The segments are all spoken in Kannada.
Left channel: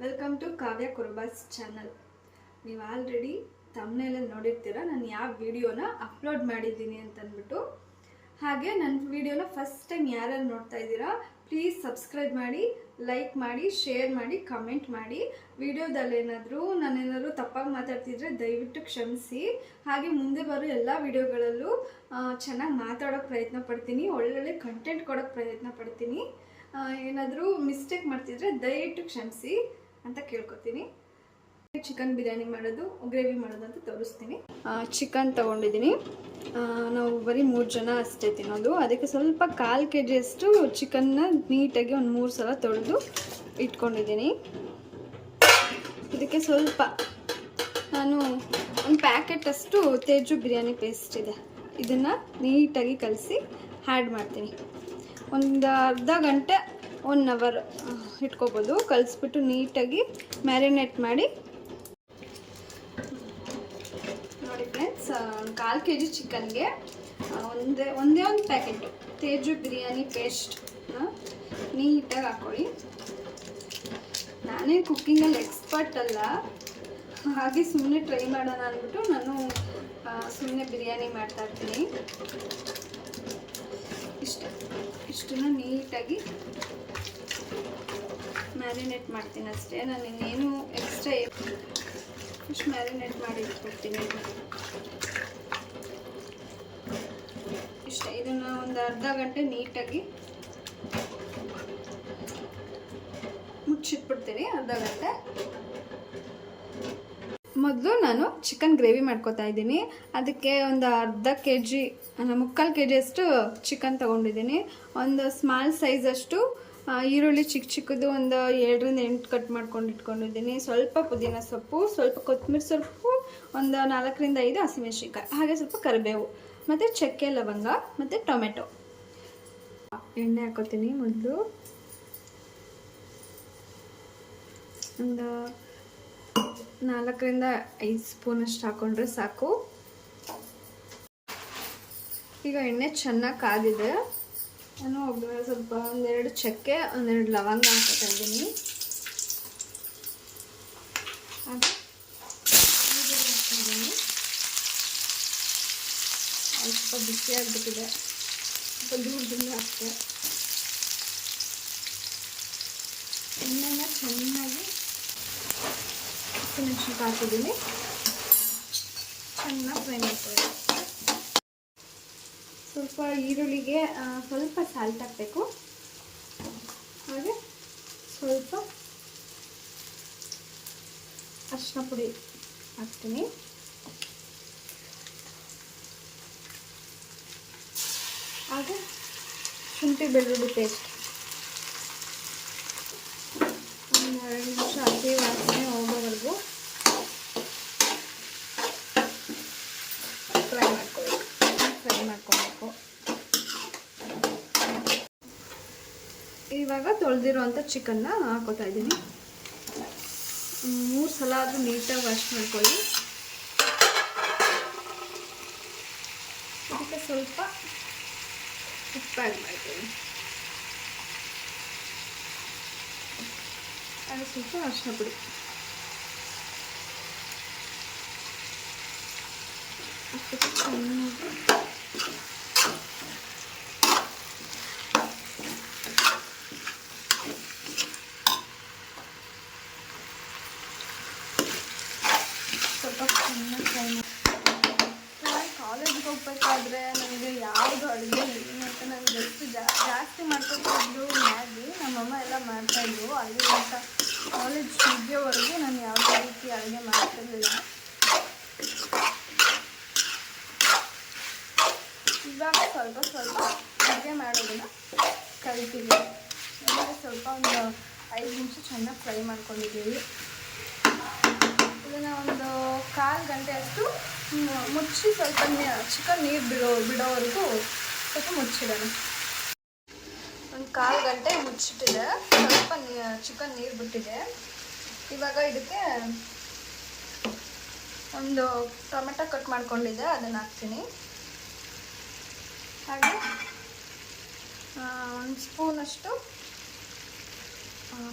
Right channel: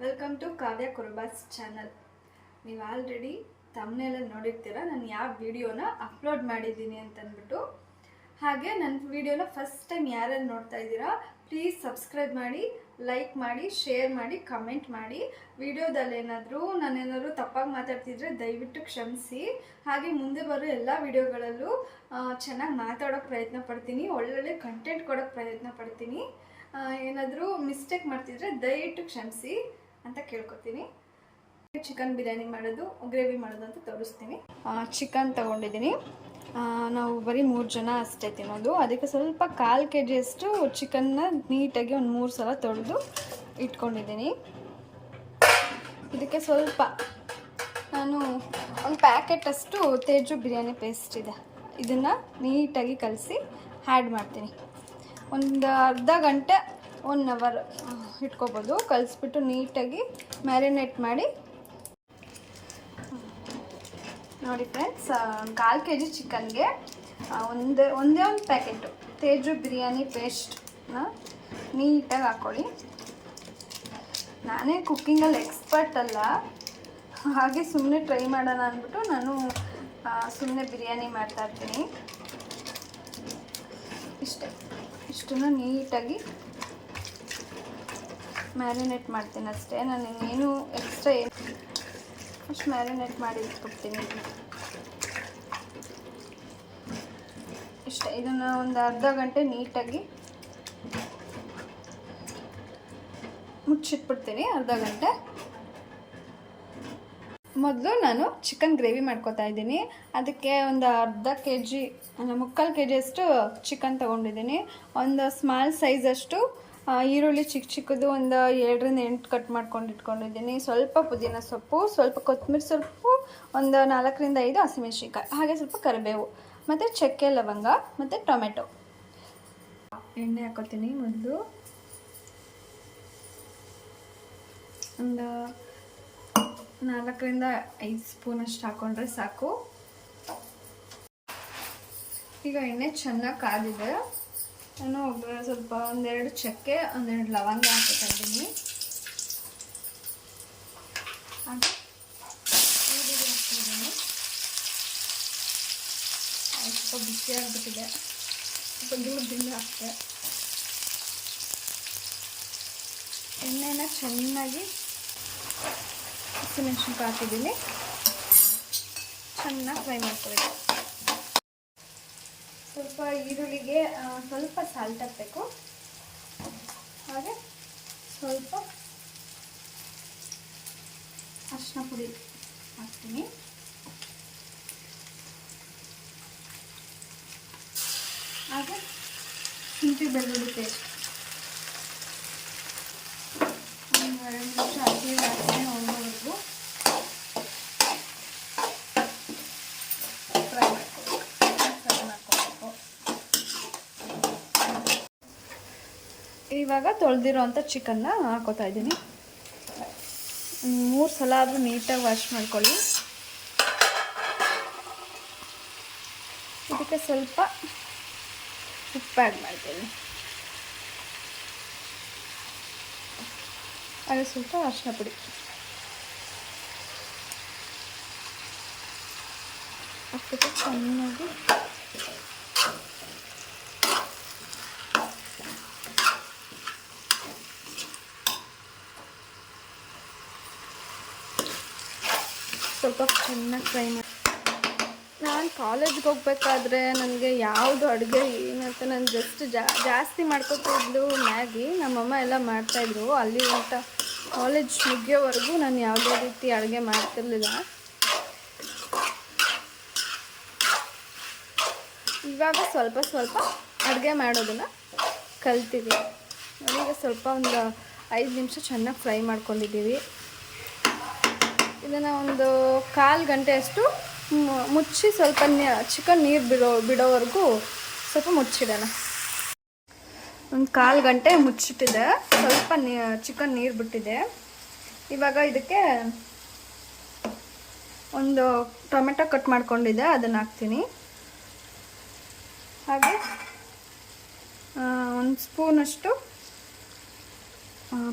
Welcome to Kavya Kuruba's channel. ನೀವು ಆಲ್ರೆಡಿ ತಮ್ಮನೇಲಲ್ಲಿ ನೋಡಿರ್ತೀರ ನಾನು ಯಾವ ವಿಡಿಯೋನ ಅಪ್ಲೋಡ್ ಮಾಡಿದ್ದೀನಿ ಅಂತಂದ್ಬಿಟ್ಟು. ಹಾಗೆ ನನ್ನ ವಿಡಿಯೋನ ಫಸ್ಟ್ ಟೈಮ್ ಯಾರ್ಯಾರು ನೋಡ್ತಾ ಇದ್ದೀರಾ ಪ್ಲೀಸ್ ಸಬ್ಸ್ಕ್ರೈಬ್ ಮಾಡಿ, ಲೈಕ್ ಮಾಡಿ, ಶೇರ್ ಮಾಡಿ, ಕಮೆಂಟ್ ಮಾಡಿ. ವಿಡಿಯೋದಲ್ಲಿ ನಾನೇನಾದರೂ ತಪ್ಪಾಗಿ ಮಾತಾಡ್ತಿದ್ರೆ ದಯವಿಟ್ಟು ಕ್ಷಮಿಸಿ. ಹಾಗೆ ಮುಂದೆ ಬರೋ ಎಲ್ಲ ವಿಡಿಯೋಗಳಲ್ಲೂ ಚೆನ್ನಾಗಿ ಮಾತಾಡೋಕ್ಕೆ ಪ್ರಯತ್ನ ಪಡ್ತೀನಿ, ಒಳ್ಳೊಳ್ಳೆ ಕಂಟೆಂಟ್ ಕೊಡೋಕ್ಕೆ ಪ್ರಯತ್ನ ಪಡ್ತೀನಿ. ಏನಾದರೂ ಮಿಸ್ಟೇಕ್ ಮಾಡ್ತಿದ್ರೆ ದಯವಿಟ್ಟು ಕ್ಷಮಿಸಿ ಅಂತ ಕೇಳ್ಕೊತೀನಿ. ಚಿಕನ್ ಬಿರಿಯಾನಿ ಮಾಡೋದು, ಗ್ರೇವಿ ಮಾಡೋದು ಅಂತ ತೋರಿಸ್ತೀನಿ. ಚಿಕನ್ ತೊಗೊಂಡಿದ್ದೀನಿ. ನಾವು ಬರೀ 3 ಜನ ಅಷ್ಟೇ ತಿನ್ನೋದು. ಅದಕ್ಕೆ ಸ್ವಲ್ಪ 1/4 kg ಅಷ್ಟು ಚಿಕನ್ನ ನೀಟಾಗಿ ಒಂದು 3 ಸಲ ತೊಳೆದು ಇಟ್ಕೊಂಡಿದ್ದೀನಿ. ಇದಕ್ಕೆ ಸ್ವಲ್ಪ ನಾನು ಒಂದು ಪ್ಯಾಕೆಟಷ್ಟು ತೇಜು ಬಿರಿಯಾನಿ ಪೇಸ್ಟ್ ಇದೆ, ಇದನ್ನು ನೀಟಾಗಿ ಕಲಸಿ ಆ್ಯಡ್ ಮಾಡ್ತೀನಿ. ಒಂದು ಅರ್ಧ ಗಂಟೆ 1 ಅವರ್ ಇಟ್ಕೋಬೋದು. ಕಲಿಸ್ಬಿಟ್ಟು ನೀಟಾಗಿ ಮ್ಯಾರಿನೇಟ್ ಮಾಡಿ. ನೋಡಿ ಫ್ರೆಂಡ್ಸ್, 1/4 kg ಚಿಕನ್ಗೆ ಒಂದೇ ಒಂದು ಪ್ಯಾಕೆಟು ತೇಜು ಬಿರಿಯಾನಿ ಪೇಸ್ಟ್ನ ನೀಟಾಗಿ ಹಾಕ್ಕೊಳ್ಳಿ. ನಾನೇ ಕುಕ್ಕಿಂಗಲ್ಲಿ ಎಕ್ಸ್ಪರ್ಟ್ ಅಲ್ಲ, ಹಾಗೆ ಸುಮ್ಮನೆ ಟ್ರೈ ಮಾಡೋಣ ಅಂದ್ಬಿಟ್ಟು ನಾನು ಸುಮ್ಮನೆ ಬಿರಿಯಾನಿ ಮಾಡ್ತಾಯಿರ್ತೀನಿ. ಇಷ್ಟನ್ನು ನೀಟಾಗಿ ಮ್ಯಾರಿನೇಟ್ ಮಾಡ್ತೀನಿ ಅಷ್ಟೇ. ನಾನು ಇನ್ನೇನು ಎಕ್ಸ್ಟ್ರಾ ಅಷ್ಟು ಮ್ಯಾರಿನೇಟ್ ಮಾಡಿ ಇಟ್ಬಿಡ್ತೀನಿ. ಇಷ್ಟೇ. ಇದನ್ನು ಒಂದು ಅರ್ಧ ಗಂಟೆ ನೀಟಾಗಿ ಮುಚ್ಚಿಟ್ಬಿಡ್ತೀನಿ. ಅರ್ಧ ಗಂಟೆ ಮೊದಲು ನಾನು ಚಿಕನ್ ಗ್ರೇವಿ ಮಾಡ್ಕೊತಾ ಇದ್ದೀನಿ. ಅದಕ್ಕೆ ಒಂದು ಅರ್ಧ kg, 3/4 kg ಅಷ್ಟು ಚಿಕನ್ ತೊಗೊಂಡಿದ್ದೀನಿ. ಒಂದು ಸ್ಮಾಲ್ ಸೈಜಷ್ಟು ಈರುಳ್ಳಿ ಚಿಕ್ಕದು ಒಂದು 7ರಿಂದ 8 ಕಟ್ ಮಾಡ್ಕೊಂಡು ಇಟ್ಕೊಂಡಿದ್ದೀನಿ. ಸ್ವಲ್ಪ ಪುದೀನ ಸೊಪ್ಪು, ಸ್ವಲ್ಪ ಕೊತ್ತಂಬರಿ ಸೊಪ್ಪು, ಒಂದು 4ರಿಂದ 5 ಹಸಿಮೆಣಸಿನ್ಕಾಯಿ, ಹಾಗೆ ಸ್ವಲ್ಪ ಕರಿಬೇವು ಮತ್ತು ಚಕ್ಕೆ ಲವಂಗ ಮತ್ತು ಟೊಮೆಟೊ. ಎಣ್ಣೆ ಹಾಕೋತೀನಿ. ಮೊದಲು ಒಂದು 4ರಿಂದ 5 ಸ್ಪೂನಷ್ಟು ಹಾಕ್ಕೊಂಡ್ರೆ ಸಾಕು. ಈಗ ಎಣ್ಣೆ ಚೆನ್ನಾಗಿ ಕಾದಿದೆ. ನಾನು ಸ್ವಲ್ಪ 1-2 ಚಕ್ಕೆ, 1-2 ಲವಂಗ ಹಾಕ್ತಾ ಇದ್ದೀನಿ. ಹಾಗೆ ಈರುಳ್ಳಿ ಹಾಕ್ತಿದ್ದೀನಿ. ಸ್ವಲ್ಪ ಬಿಸಿ ಆಗಿಬಿಟ್ಟಿದೆ, ಸ್ವಲ್ಪ ದೂರದಿಂದ ಹಾಕ್ತೆ. ಎಣ್ಣೆನ ಚೆನ್ನಾಗಿ ಹಸಿಮೆಣಸಿನ್ಕಾಯಿ ಹಾಕಿದ್ದೀನಿ. ಚೆನ್ನಾಗಿ ಫ್ರೈ ಮಾಡ್ಕೊಬೇಕು. ಸ್ವಲ್ಪ ಈರುಳ್ಳಿಗೆ ಸ್ವಲ್ಪ ಸಾಲ್ಟ್ ಹಾಕಬೇಕು. ಹಾಗೆ ಸ್ವಲ್ಪ ಅರಿಶಿನ ಪುಡಿ ಹಾಕ್ತೀನಿ. ಹಾಗೆ ಶುಂಠಿ ಬೆಳ್ಳುಳ್ಳಿ ಪೇಸ್ಟ್ ಒಂದು 2 ನಿಮಿಷ ಹಸಿ ವಾಸನೆ ಹೋಗೋವರೆಗೂ ಫ್ರೈ ಮಾಡ್ಕೋಬೇಕು. ಇವಾಗ ತೊಳೆದಿರೋಂಥ ಚಿಕನ್ನ ಹಾಕೋತಾ ಇದ್ದೀನಿ. 3 ಸಲ ಆದರೂ ನೀಟಾಗಿ ವಾಶ್ ಮಾಡ್ಕೊಳ್ಳಿ. ಇದಕ್ಕೆ ಸ್ವಲ್ಪ ಉಪ್ಪು ಆ್ಯಡ್ ಮಾಡ್ತೀನಿ. ಅದು ಸ್ವಲ್ಪ ಅರಿಶಿನ ಪುಡಿ ಹಾಕ್ಬಿಟ್ಟು ಚೆನ್ನಾಗಿ ಸ್ವಲ್ಪ ಚೆನ್ನಾಗಿ ಫ್ರೈ ಮಾಡಿ. ನಾನು ಕಾಲೇಜ್ಗೆ ಹೋಗ್ಬೇಕಾದ್ರೆ ನನಗೆ ಯಾವುದು ಅಡುಗೆ ಏನಂತ ನಾನು ಜಾಸ್ತಿ ಮಾಡ್ಕೊತಿದ್ದು ಮ್ಯಾಗಿ. ನಮ್ಮಮ್ಮ ಎಲ್ಲ ಮಾಡ್ತಾಯಿದ್ರು. ಅಲ್ಲಿ ಅಂತ ಕಾಲೇಜ್ ಮುಗಿಯೋವರೆಗೂ ನಾನು ಯಾವುದೇ ರೀತಿ ಅಡುಗೆ ಮಾಡ್ತಿರ್ಲಿಲ್ಲ. ಇವಾಗ ಸ್ವಲ್ಪ ಅಡುಗೆ ಮಾಡೋದನ್ನು ಕಲ್ತೀವಿ. ಈಗ ಸ್ವಲ್ಪ ಒಂದು 5 ನಿಮಿಷ ಚೆನ್ನಾಗಿ ಫ್ರೈ ಮಾಡ್ಕೊಂಡಿದ್ದೀವಿ. ಇದನ್ನು ಒಂದು 1/4 ಗಂಟೆಯಷ್ಟು ಮುಚ್ಚಿ ಸ್ವಲ್ಪ ಚಿಕನ್ ನೀರು ಬಿಡೋವರೆಗೂ ಸ್ವಲ್ಪ ಮುಚ್ಚಿಡೋಣ. ಒಂದು 1/4 ಗಂಟೆ ಮುಚ್ಚಿಟ್ಟಿದೆ. ಸ್ವಲ್ಪ ಚಿಕನ್ ನೀರು ಬಿಟ್ಟಿದೆ. ಇವಾಗ ಇದಕ್ಕೆ ಒಂದು ಟೊಮೆಟೊ ಕಟ್ ಮಾಡ್ಕೊಂಡಿದ್ದೆ, ಅದನ್ನು ಹಾಕ್ತೀನಿ. ಹಾಗೆ 1 ಸ್ಪೂನಷ್ಟು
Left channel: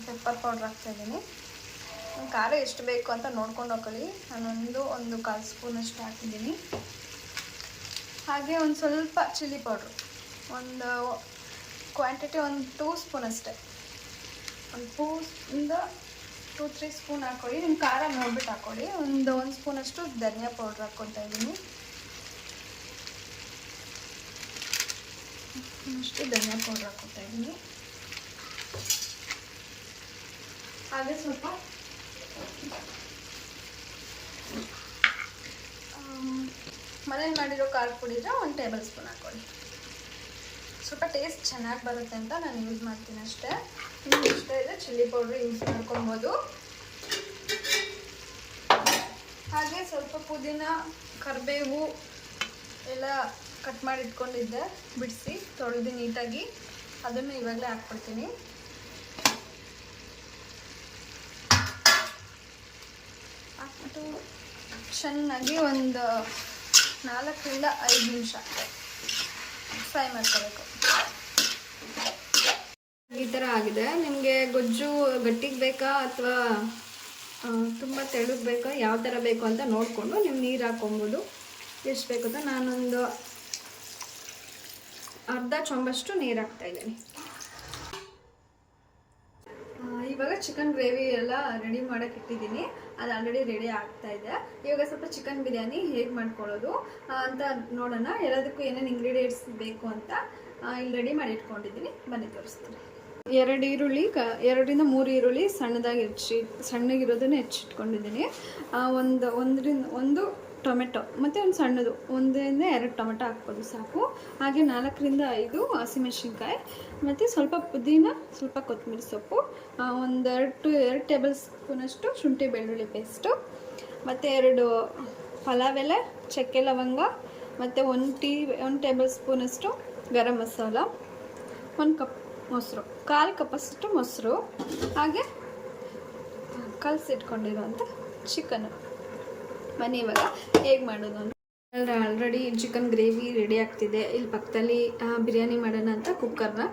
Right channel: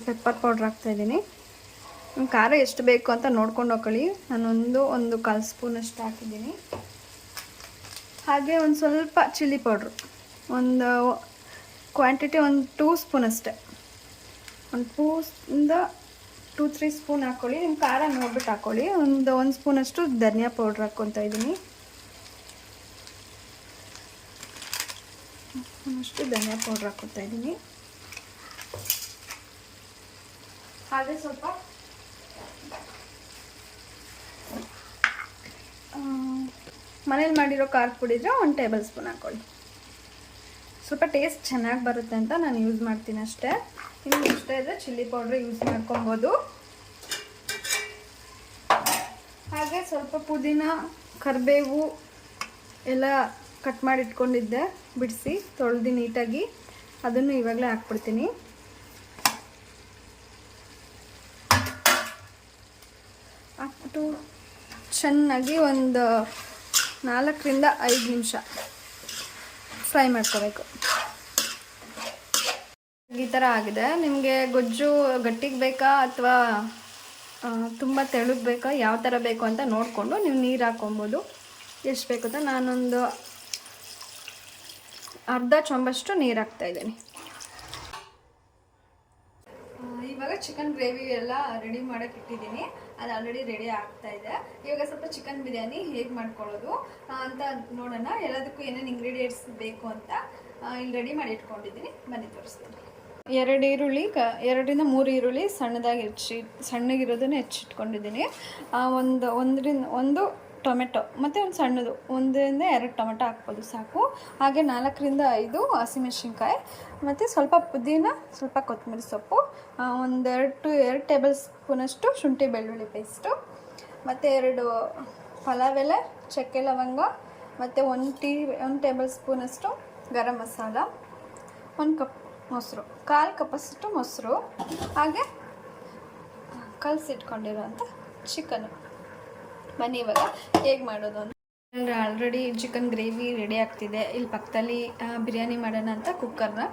ಪೆಪ್ಪರ್ ಪೌಡ್ರ್ ಹಾಕ್ತಾಯಿದ್ದೀನಿ. ನಿಮ್ಮ ಖಾರ ಎಷ್ಟು ಬೇಕು ಅಂತ ನೋಡ್ಕೊಂಡು ಹೋಗ್ಕೊಳ್ಳಿ. ಒಂದು 1/4 ಸ್ಪೂನಷ್ಟು ಹಾಕಿದ್ದೀನಿ. ಹಾಗೆ ಒಂದು ಸ್ವಲ್ಪ ಚಿಲ್ಲಿ ಪೌಡ್ರು, ಒಂದು ಕ್ವಾಂಟಿಟಿ ಒಂದು 2 ಸ್ಪೂನ್ ಅಷ್ಟೇ. ಒಂದು 2-3 ಸ್ಪೂನ್ ಹಾಕ್ಕೊಳ್ಳಿ. ನಿಮ್ಮ ಖಾರ ನೋಡ್ಬಿಟ್ಟು ಹಾಕ್ಕೊಳ್ಳಿ. ಒಂದು ಸ್ಪೂನಷ್ಟು ಧನಿಯಾ ಪೌಡ್ರ್ ಹಾಕ್ಕೊತಾ ಇದ್ದೀನಿ. ಧನಿಯಾ ಪೌಡ್ರ್ ಹಾಕ್ಕೊತಾ ಇದ್ದೀನಿ. ಹಾಗೆ ಸ್ವಲ್ಪ ಮನೇಲಿ ಮಾಡಿರೋ ಖಾರದ ಪುಡಿ ಇದ್ರೆ 1 ಟೇಬಲ್ ಸ್ಪೂನ್ ಹಾಕ್ಕೊಳ್ಳಿ. ಸ್ವಲ್ಪ ಟೇಸ್ಟ್ ಚೆನ್ನಾಗಿ ಬರುತ್ತೆ ಅಂತ ನಾನು ಯೂಸ್ ಮಾಡ್ತೀನಿ ಅಷ್ಟೇ. ಇನ್ನೊಂದು ಇಷ್ಟ ಇದ್ದರೆ ಚಿಲ್ಲಿ ಪೌಡ್ರ್ ಯೂಸ್ ಮಾಡ್ಕೊಬೋದು. ಹಾಗೆ ಸ್ವಲ್ಪ ಪುದೀನ, ಕರಿಬೇವು ಎಲ್ಲ ಕಟ್ ಮಾಡಿ ಇಟ್ಕೊಂಡಿದ್ದೆ, ಬಿಡಿಸಿ ತೊಳೆದು ನೀಟಾಗಿ ಅದನ್ನು ಇವಾಗಲೇ ಹಾಕ್ಬಿಡ್ತೀನಿ. ಹಾಕ್ಬಿಟ್ಟು ಚೆನ್ನಾಗಿ ಒಂದು 4ರಿಂದ 5 ನಿಮಿಷ ಫ್ರೈ ಮಾಡ್ಕೋಬೇಕು. ಈ ಥರ ಆಗಿದೆ. ನಿಮಗೆ ಗೊಜ್ಜು ಗಟ್ಟಿಗೆ ಬೇಕಾ ಅಥವಾ ತುಂಬ ತೆಳುಗೆ ಬೇಕಾ, ಯಾವ ಥರ ಬೇಕು ಅಂತ ನೋಡಿಕೊಂಡು ನೀವು ನೀರು ಹಾಕ್ಕೊಬೋದು. ಎಷ್ಟು ಬೇಕು ಅಂತ ನಾನೊಂದು ಅರ್ಧ ಚೊಂಬಷ್ಟು ನೀರು ಹಾಕ್ತಾಯಿದ್ದೀನಿ. ಇವಾಗ ಚಿಕನ್ ಗ್ರೇವಿ ಎಲ್ಲ ರೆಡಿ ಮಾಡೋಕ್ಕೆ ಇಟ್ಟಿದ್ದೀನಿ. ಅದು ಆಲ್ರೆಡಿ ರೆಡಿ ಆಗ್ತಾಯಿದೆ. ಇವಾಗ ಸ್ವಲ್ಪ ಚಿಕನ್ ಬಿರಿಯಾನಿ ಹೇಗೆ ಮಾಡ್ಕೊಳ್ಳೋದು ಅಂತ ನೋಡೋಣ. ಎಲ್ಲದಕ್ಕೂ ಏನೇನು ಇಂಗ್ರೀಡಿಯೆಂಟ್ಸ್ ಬೇಕು ಅಂತ ಇಲ್ಲಿ ರೆಡಿ ಮಾಡಿ ಇಟ್ಕೊಂಡಿದ್ದೀನಿ. ಬನ್ನಿ ತೋರಿಸ್ತೀನಿ. 2 ಈರುಳ್ಳಿ, 2ರಿಂದ 3 ಈರುಳ್ಳಿ ಸಣ್ಣಗಿರೋದನ್ನು ಹೆಚ್ಚಿಟ್ಕೊಂಡಿದ್ದೀನಿ. ಒಂದು ಟೊಮೆಟೊ ಮತ್ತು ಒಂದು ಸಣ್ಣದು 1-2 ಟೊಮೆಟೊ ಹಾಕ್ಬೋದು ಸಾಕು. ಹಾಗೆ 4ರಿಂದ 5 ಹಸಿಮೆಣಸಿನ್ಕಾಯಿ ಮತ್ತು ಸ್ವಲ್ಪ ಪುದೀನ, ಸ್ವಲ್ಪ ಕೊತ್ತಂಬರಿ ಸೊಪ್ಪು, 2 ಟೇಬಲ್ ಸ್ಪೂನಷ್ಟು ಶುಂಠಿ ಬೆಳ್ಳುಳ್ಳಿ ಪೇಸ್ಟು, ಮತ್ತು 2 ಪಲಾವ್ ಎಲೆ, ಚಕ್ಕೆ ಲವಂಗ, ಮತ್ತು 1 ಟೇಬಲ್ ಸ್ಪೂನಷ್ಟು ಗರಂ ಮಸಾಲ, 1 ಕಪ್ ಮೊಸರು, 1/4 ಕಪ್ಪಷ್ಟು ಮೊಸರು, ಹಾಗೆ ಕಲಸಿಟ್ಕೊಂಡಿರೋಂಥ ಚಿಕನ್ನು. ಬನ್ನಿ ಇವಾಗ ಹೇಗೆ ಮಾಡೋದು ಅಂತ. ಆಲ್ರೆಡಿ ಚಿಕನ್ ಗ್ರೇವಿ ರೆಡಿ ಆಗ್ತಿದೆ. ಇಲ್ಲಿ ಪಕ್ಕದಲ್ಲಿ ಬಿರಿಯಾನಿ ಮಾಡೋಣ ಅಂತ ಕುಕ್ಕರ್ನ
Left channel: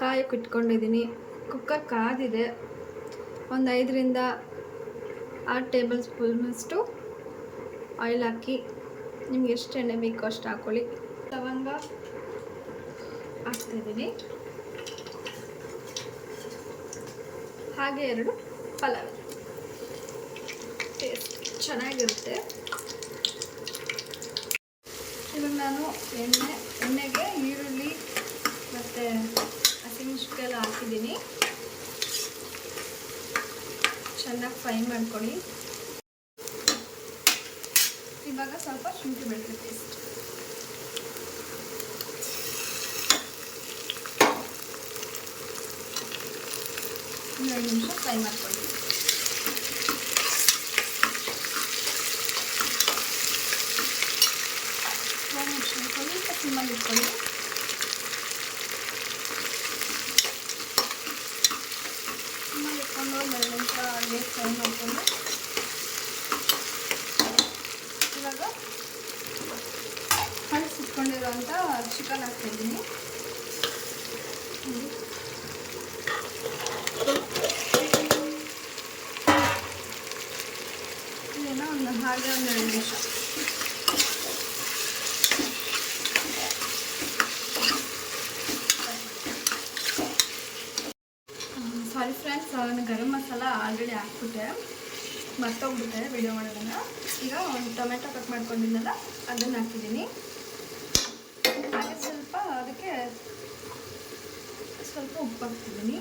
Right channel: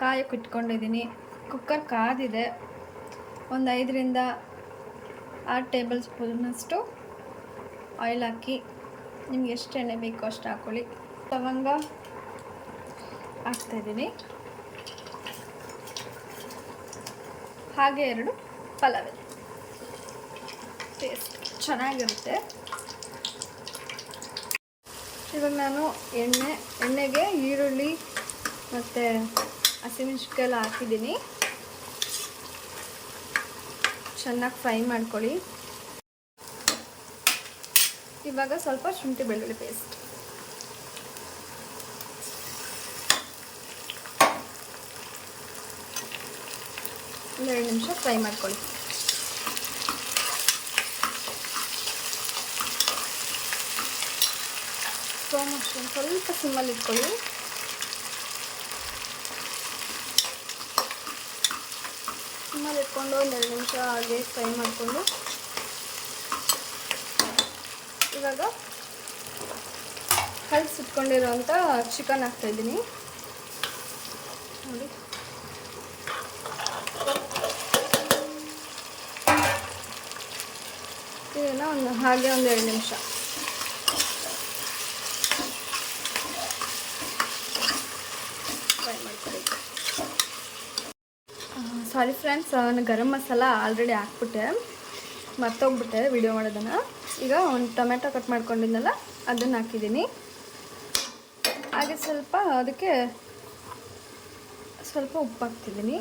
ಕಾಯಕ್ಕೆ ಇಟ್ಕೊಂಡಿದ್ದೀನಿ. ಕುಕ್ಕರ್ ಕಾದಿದೆ. ಒಂದು 5ರಿಂದ 6 ಟೇಬಲ್ ಸ್ಪೂನಷ್ಟು ಆಯಿಲ್ ಹಾಕಿ, ನಿಮ್ಗೆ ಎಷ್ಟು ಎಣ್ಣೆ ಬೇಕೋ ಅಷ್ಟು ಹಾಕ್ಕೊಳ್ಳಿ. ಲವಂಗ ಹಾಕ್ತಾಯಿದ್ದೀನಿ. ಹಾಗೆ 2 ಪಲಾವ್ ಎಲೆ. ಟೇಸ್ಟ್ ಚೆನ್ನಾಗಿರುತ್ತೆ. ಇವಾಗ ನಾನು ಎಣ್ಣೆಗೆ ಈರುಳ್ಳಿ ಮತ್ತು ಹಸಿಮೆಣಸಿನ್ಕಾಯಿ ಎಲ್ಲ ಹಾಕಿದ್ದೀನಿ. ಚೆನ್ನಾಗಿ ಫ್ರೈ ಮಾಡ್ಕೊಳ್ಳಿ. ಇವಾಗ ಸ್ವಲ್ಪ ಶುಂಠಿ ಬೆಳ್ಳುಳ್ಳಿ ಪೇಸ್ಟ್, ಒಂದು 2 ನಿಮಿಷ ಫ್ರೈ ಮಾಡ್ಕೊಳ್ಳಿ. ಸ್ವಲ್ಪ ಸಿಮ್ಮಲ್ಲಿ ಇಟ್ಕೊಳ್ಳಿ. ಸಿಮ್ಮಲ್ಲಿ ಇಟ್ಕೊಂಡು 1 ನಿಮಿಷ ಹಾಗೆ ಫ್ರೈ ಮಾಡಿಕೊಂಡು ಇವಾಗ ಕಲಸಿಟ್ಕೊಂಡಿರೋಂಥ ಚಿಕನ್ ಹಾಕ್ತಾಯಿದ್ದೀನಿ. ಇದನ್ನು ಹಾಗೆ 1-2 ನಿಮಿಷ ಸಾರಿ ಫ್ರೆಂಡ್ಸ್, ನಾನು ಗರಂ ಮಸಾಲ ಆಲ್ರೆಡಿ ಹಾಕ್ಬಿಟ್ಟೆ, ಮರ್ತೋಗ್ಬಿಟ್ಟೆ ವಿಡಿಯೋ ಮಾಡೋದನ್ನು. ಈಗ ಒಂದು ಟೊಮೆಟೊ ಕಟ್ ಮಾಡ್ಕೊಂಡಿದ್ದೆನಲ್ಲ ಅದನ್ನು ಹಾಕಿದ್ದೀನಿ. ಹಾಗೆ ಅದಕ್ಕೆ ಸ್ವಲ್ಪ ಉಪ್ಪು ಹಾಕ್ತಿದ್ದೀನಿ.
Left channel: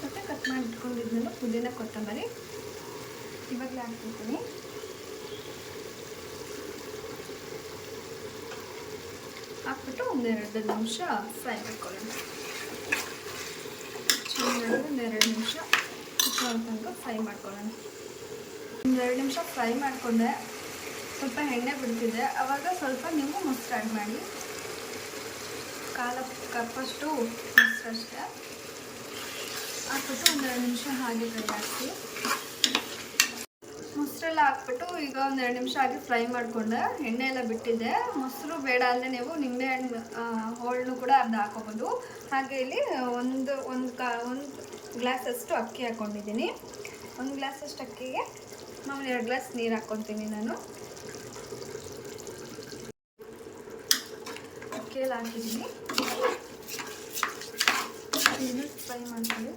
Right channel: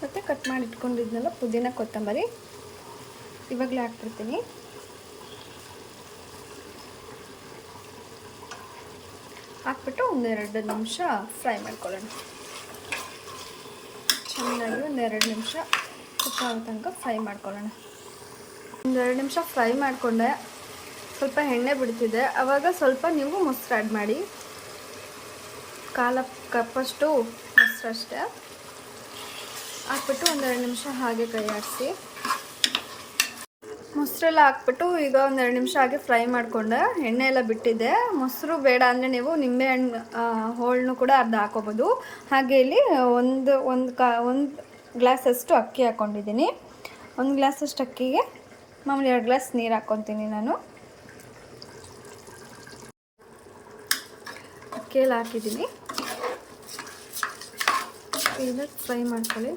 ಮತ್ತು ಕಟ್ ಮಾಡಿ ಇಟ್ಕೊಂಡಿದ್ನಲ್ಲ ಪುದೀನ ಕೊತ್ತಂಬರಿ ಇವಾಗಲೇ ಹಾಕ್ಬಿಡ್ತೀನಿ. ಹಾಕ್ಬಿಟ್ಟು 1-2 ನಿಮಿಷ ಫ್ರೈ ಮಾಡ್ಕೊಳ್ಳೋಣ. ಚೆನ್ನಾಗಿ 1-2 ನಿಮಿಷ ತನಕ ಫ್ರೈ ಮಾಡ್ಕೊಳ್ಳೋಣ. 1-2 ನಿಮಿಷ ಫ್ರೈ ಮಾಡಿಕೊಂಡೆ. ಸ್ವಲ್ಪ ಎಣ್ಣೆ ಬಿಡ್ತಿದೆ. ಆವಾಗ ಸ್ವಲ್ಪ ನೀವು ಮೊಸರು ಆ್ಯಡ್ ಮಾಡಿ, 1/4 ಕಪ್ಪಷ್ಟು ಮೊಸರು ಅಷ್ಟೇ ಹಾಕ್ಬಿಟ್ಟು 1-2 ನಿಮಿಷ ಹಾಗೆ ಫ್ರೈ ಮಾಡಿಸಿ. ಮೊಸರು ಮೊಸರೆಲ್ಲ ಹಾಕ್ಬಿಟ್ಟು ಈಗ ಒಂದೆರಡು ನಿಮಿಷ ಹಾಗೆ ಫ್ರೈ ಮಾಡಿಕೊಂಡೆ. ಎಣ್ಣೆ ಎಲ್ಲ ಬಿಟ್ಟಿದೆ. ಮೊಸರು ಬೇಡ ಅಂದರೆ ನೀವು ನಿಂಬೆಹಣ್ಣು ಹೋಳನ್ನು ಕೂಡ ಅರ್ಧ ಹಾಕೋಬೋದು. ಹಾಗೆ ಇಲ್ಲಿ ಒಂದು ಗ್ಲಾಸಷ್ಟು ಅಕ್ಕಿ ಹಾಕ್ಕೊಂಡಿದ್ದೀನಿ. 1 ಗ್ಲಾಸಷ್ಟು ಅಕ್ಕಿಗೆ ಮಾಮೂಲಿ 2 ಗ್ಲಾಸ್ ನೀರು ಹಾಕ್ಕೊತೀನಿ ನಾನು. ಅಕ್ಕಿಯಲ್ಲಿ ಹಾಕಿದ್ದೀನಿ. ಇದು ಫ್ರೈ ಮಾಡ್ಕೊಳ್ಳಿ.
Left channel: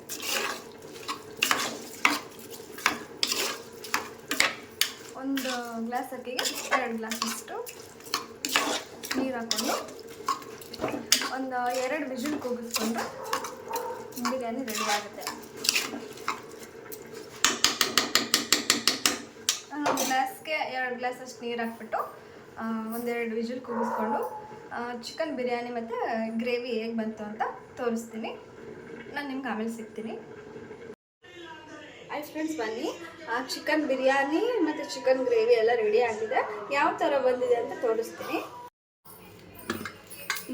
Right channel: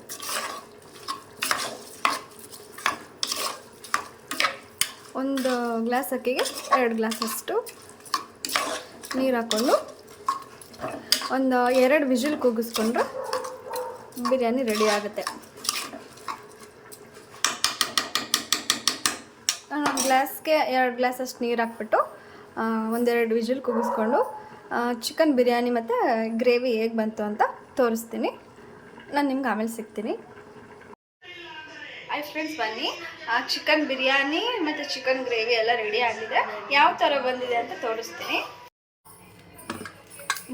ಒಂದು ಗ್ಲಾಸ್ ಅಕ್ಕಿಗೆ 2 ಗ್ಲಾಸಷ್ಟು ನೀರು ಹಾಕ್ಕೊಂಡು ಒಂದು 2 ವಿಜಿಲ್ ಕೂಗಿಸ್ಕೊಂಡ್ರೆ ಬಿರಿಯಾನಿ ರೆಡಿ ಆಗುತ್ತೆ. ಗ್ಲಾಸ್ಗೆ 2 ಗ್ಲಾಸಷ್ಟು ನೀರು ಹಾಕ್ಬಿಟ್ಟು 1-2 ವಿಜಿಲ್ ಕೂಗಿಸ್ಕೊಂಡು ಚಿಕನ್ ಬಿರಿಯಾನಿ ಮತ್ತು ಗ್ರೇವಿ ಹೇಗೆ ಬಂತು ಅಂತ ತೋರಿಸ್ತೀನಿ. ನಾನು ನಿಮ್ಗೆ ಆಮೇಲೆ ಸಿಗ್ತೀನಿ. ಹಾಯ್ ಫ್ರೆಂಡ್ಸ್, ಬನ್ನಿ. ಚಿಕನ್ ಬಿರಿಯಾನಿ ಮತ್ತು ಚಿಕನ್ ಗ್ರೇವಿ ಎಲ್ಲ ರೆಡಿ ಆಗಿದೆ. ಯಾವ ಥರ ಬಂದಿದೆ ಅಂತ ತೋರಿಸ್ತೀನಿ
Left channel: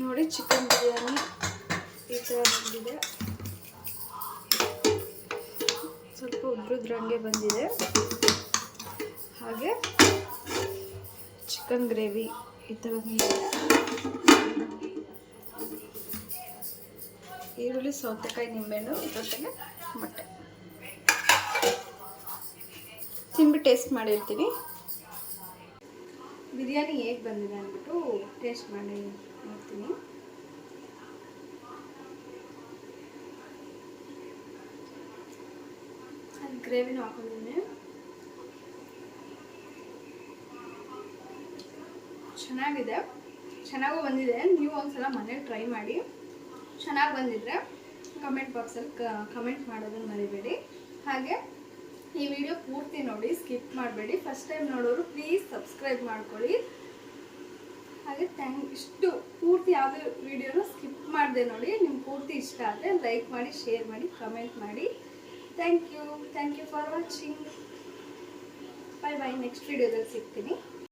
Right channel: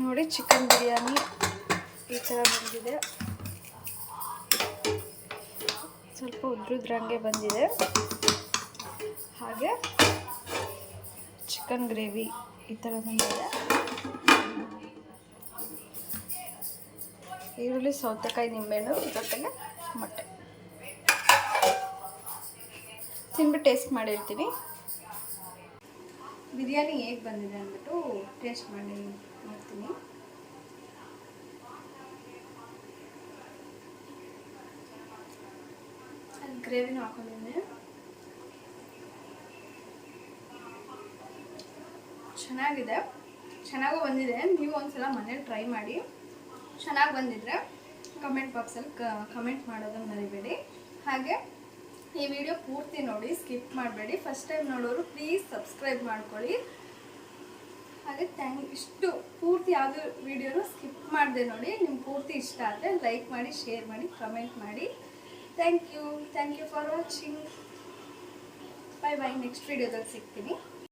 ನೋಡಿ. ಚಿಕನ್ ಬಿರಿಯಾನಿ ಈ ಥರ ಬಂದಿದೆ. ಸ್ವಲ್ಪ ಉದ್ರುದ್ರಂಗೆ ಬಂದಿದೆ. ಹಾಗೆ ಚಿಕನ್ ಗ್ರೇವಿ ಈ ಥರ ಬಂದಿದೆ. ಈರುಳ್ಳಿ, ಸೌತೆಕಾಯಿ, ನಿಂಬೆಹಣ್ಣು ಜೊತೆಗೆ ಮೊಟ್ಟೆ ತಿನ್ಬಿಟ್ಟು ಟೇಸ್ಟ್ ಮಾಡಿರ್ತೀನಿ. ಬಿರಿಯಾನಿ ಹೇಗೆ ಬಂದಿದೆ ಅಂದ್ಬಿಟ್ಟು ಟೇಸ್ಟ್ ಮಾಡಿ ನೋಡ್ತೀನಿ. ಅದು ಗ್ರೇವಿನೂ ಹಾಕೊಂಡಿದ್ದೀನಿ. ಚೆನ್ನಾಗಿದೆ, ಚೆನ್ನಾಗೂ ಬಂದಿದೆ. ನೀವು ಒಂದ್ಸಲ ಮನೇಲಿ ಟ್ರೈ ಮಾಡಿ. ಚೆನ್ನಾಗಿ ಬಂದಿದ್ರೆ ಕಮೆಂಟ್ ಬಾಕ್ಸಲ್ಲಿ ಕಮೆಂಟ್ ಮಾಡೋದನ್ನು ಮರಿಬೇಡಿ. ಹಾಗೆ ಈ ವಿಡಿಯೋ ಪೂರ್ತಿ ನೋಡಿ, ಸ್ಕಿಪ್ ಮಾಡಬೇಡಿ. ಫಸ್ಟ್ ಟೈಮ್ ನೋಡೋರು ಪ್ಲೀಸ್ ಸಬ್ಸ್ಕ್ರೈಬ್ ಮಾಡ್ಕೊಳ್ಳಿ. ಹಾಗೆ ಇಷ್ಟು ಪೂರ್ತಿ ಯಾವುದೇ ವಿಡಿಯೋನು ಸ್ಕಿಪ್ ಮಾಡದೆ ನೋಡಿ. ನಿಮ್ಗೆ ಪೂರ್ತಿ ಇಷ್ಟ ಆದರೆ ಲೈಕ್ ಮಾಡಿ, ಶೇರ್ ಮಾಡಿ, ಕಮೆಂಟ್ ಮಾಡಿ. Thank you for watching. Bye bye. Next ವಿಡಿಯೋದಲ್ಲಿ ಸಿಗ್ತೀನಿ.